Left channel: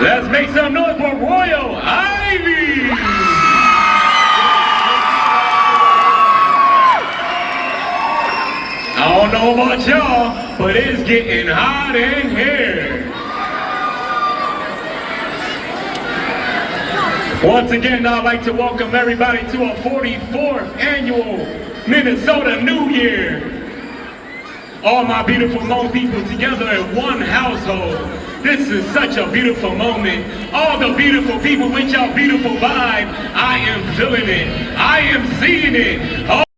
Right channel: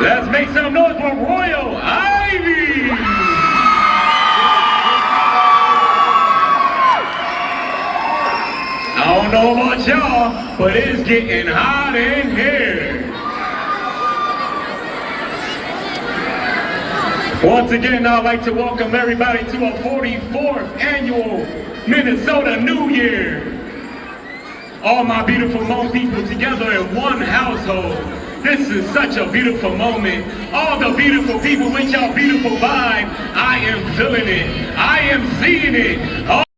Let's make some noise for Royal Ivy. I don't know about y'all, but it's getting hot in here. Once again, I'd like to welcome everybody to our 44th annual Minnesota New Year. All my beautiful Hmong people together in one household. This is such a beautiful moment. All the beautiful people with y'all beautiful vibe. I am feeling it. I am seeing it.